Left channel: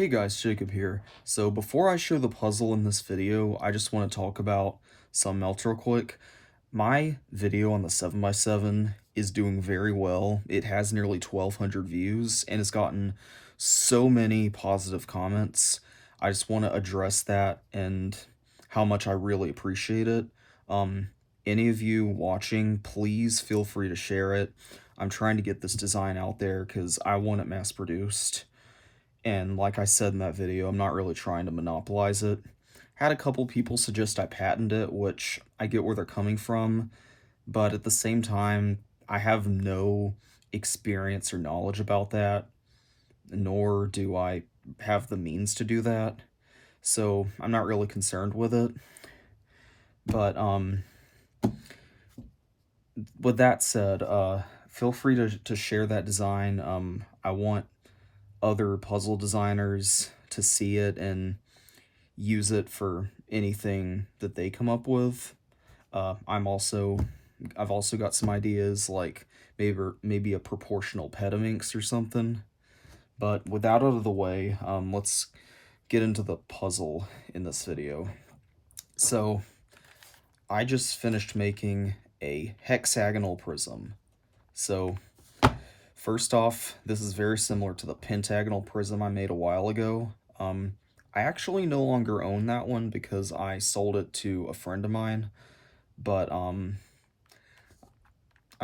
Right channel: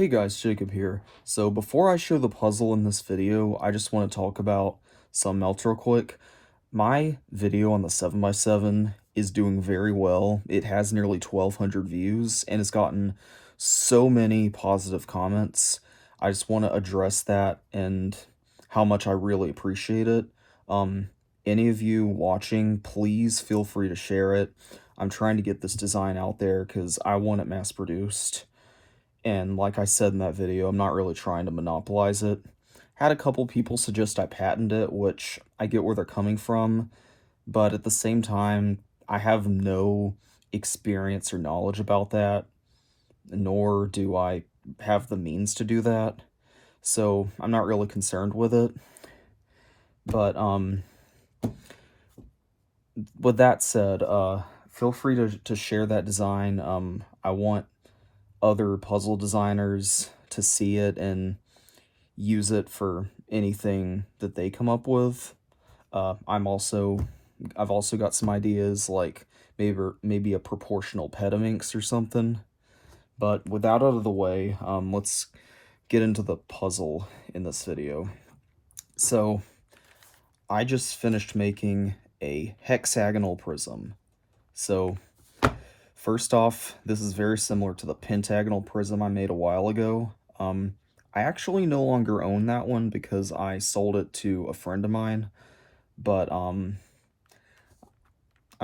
Hey guys, Jacob here. So before I show the puzzle in this video, I just want to talk about something else real quick. My video on the 7x7 is doing very well. It has nearly 1,200 views and it's gotten so many positive comments. I just want to address that and how much I really appreciate it. Any of you watching, please feel free to share it. I'm trying to get this design out there because I want it mass produced. And like I said in that video, I'm not really trying to monopolize it. Had a couple people suggest I patent it, which I get where they're coming from, but at the same time, I have no experience or knowledge about that, nor do I have the means to do that. So I'm not really concerned with it. But with that said, feel free to share that design. I want other puzzle designers to see it and use it for anything that they come up with. I've also got some ideas, like maybe a proportional petaminx or something. But with that out of the way, let's get into the puzzle in this video. So I just finished making a hexagonal prism. So first off, this is very similar to the pentagonal prism I made a while ago. I actually no longer own that one because I sold it to a friend of mine, but I'm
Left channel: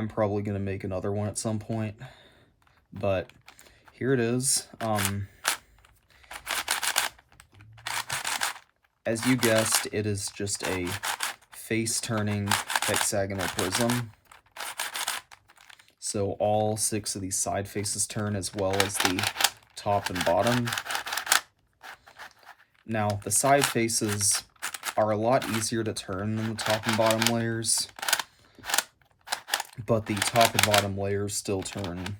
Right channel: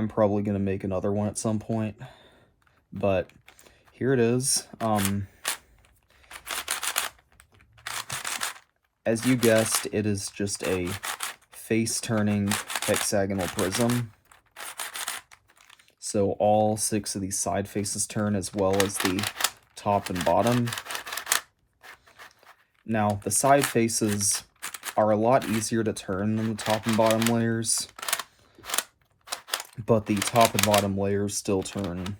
probably going to make another one at some point. But here it is. As you guessed, it is just a face-turning hexagonal prism. So all 6 of these side faces turn, as well as the top and bottom. Now, the side faces are a lot easier to turn than the top and bottom layers, but the top and bottom layers still turn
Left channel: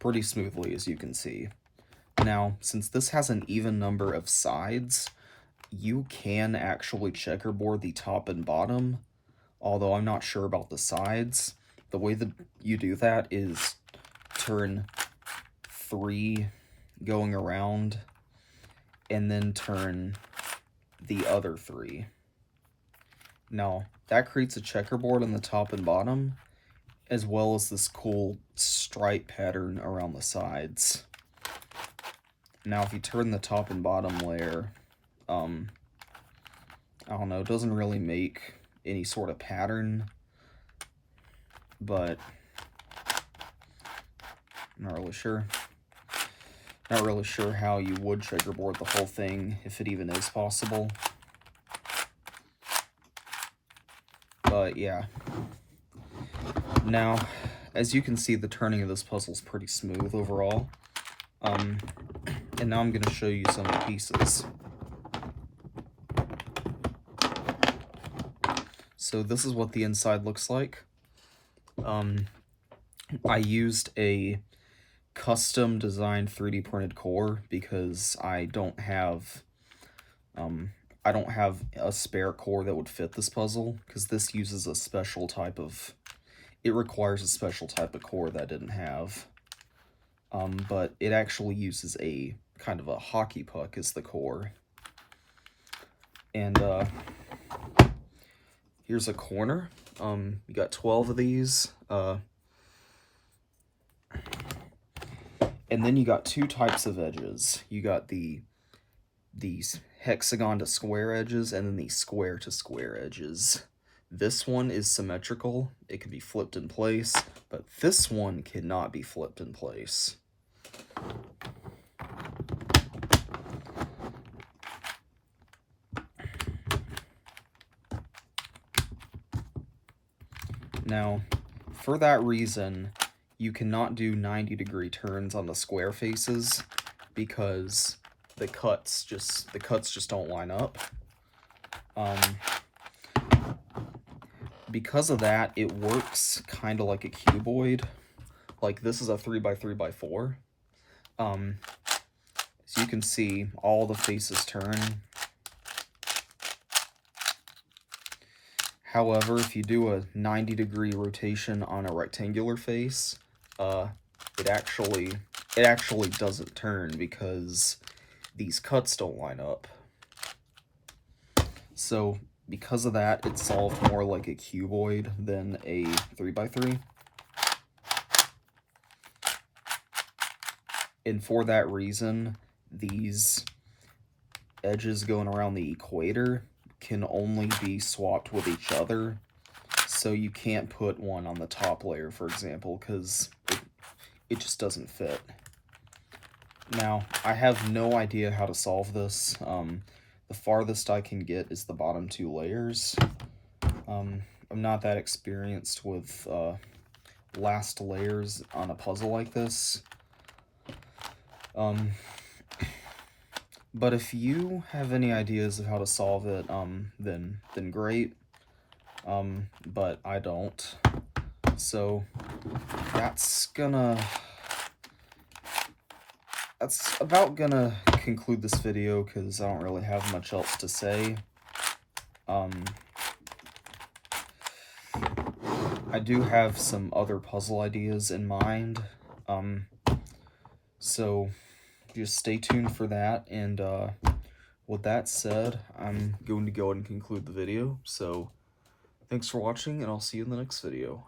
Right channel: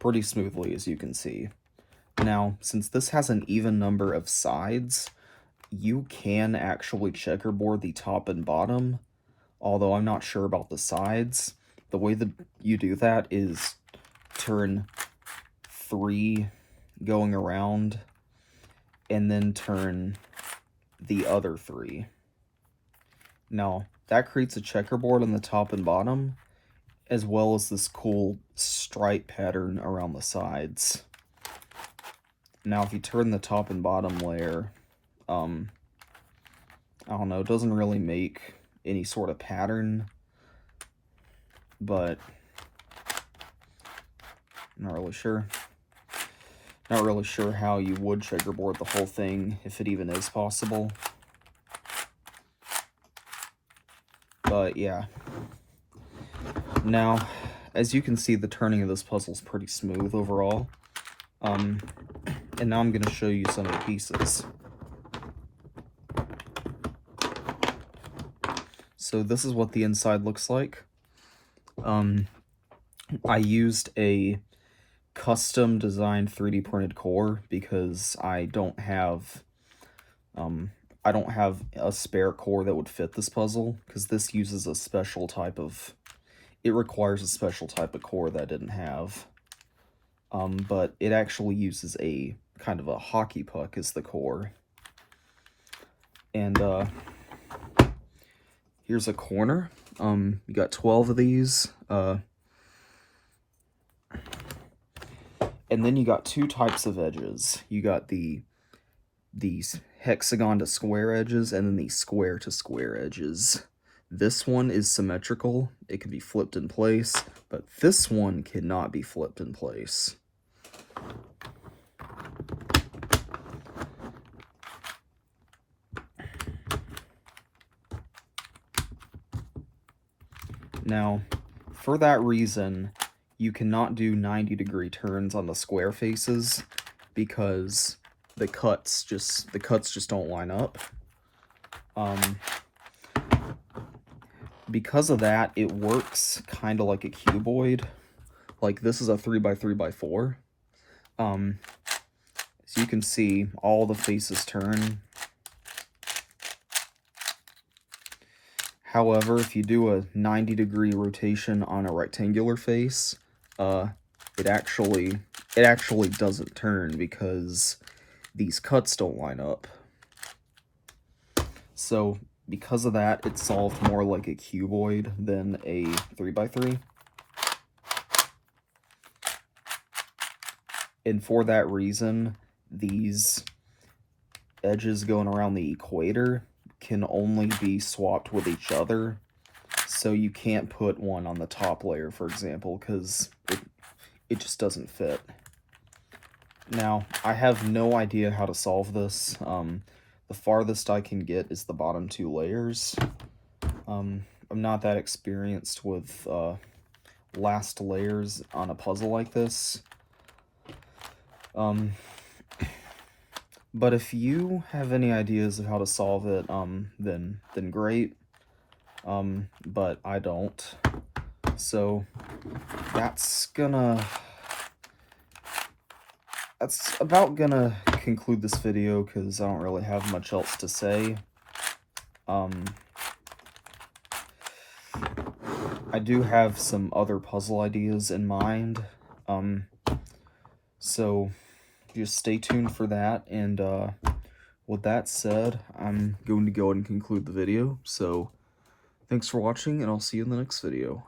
pretty smoothly, as you can see. Now, since this has an even number of sides, you can actually checkerboard the top and bottom, although I'm not sure about the sides. The way that you do that is turn 3 going around, and then turn the other 3. Now, that creates a checkerboard on the top and bottom, as well as this cool stripe pattern around the sides. Now, if you turn the top and bottom layer, I don't know, it doesn't really make any sort of pattern, but I'm not really sure. Not really sure how you would checkerboard the whole thing, if it even is possible. But yeah. Now, as you can see, the turning of this puzzle is pretty smooth overall. And now I'm going to show you some of the pieces. So this is what the inside looks like. I used a custom designed 3D printed core because I don't have a spare core that would fit this puzzle, because this uses a special type of, it requires a special type of core that I didn't have. But it actually uses a kind of a hockey puck as the core. And here's a corner. You got 12 of these. And then you got 2 types of edges. You got these hexagon to square edges, and then these square to square edges. This one is symmetrical. It can be flipped in place, but this one cannot be flipped in place. Now, for that reason, you cannot do 90-degree turns on the square faces because the cuts just don't line up. Because of that, it works kind of like a cuboid. Like, this is a 3x3x4. As you can see, all the faces turn. However, if you do a 90-degree rotation on a rectangular face, it actually doesn't turn, because these cuts don't line up. So because of that, it's solved more like a cuboid than a 3x3. And for that reason, these edges going around the equator can only be swapped with each other. So you can't put one on the top layer, for example, because it just doesn't fit. Now, I have no idea how to solve this. The farthest I can get is the bottom 2 layers. I'm not that experienced with last layers on a puzzle like this. But if you have any ideas of how to solve it, then great. But I don't. So that's about gonna conclude this video because I don't really have much else to say. I do have some other puzzle ideas in mind, so just stay tuned for that, and with that said, I'm going to go ahead and conclude the video, so thanks for watching, and I'll see you in the next video.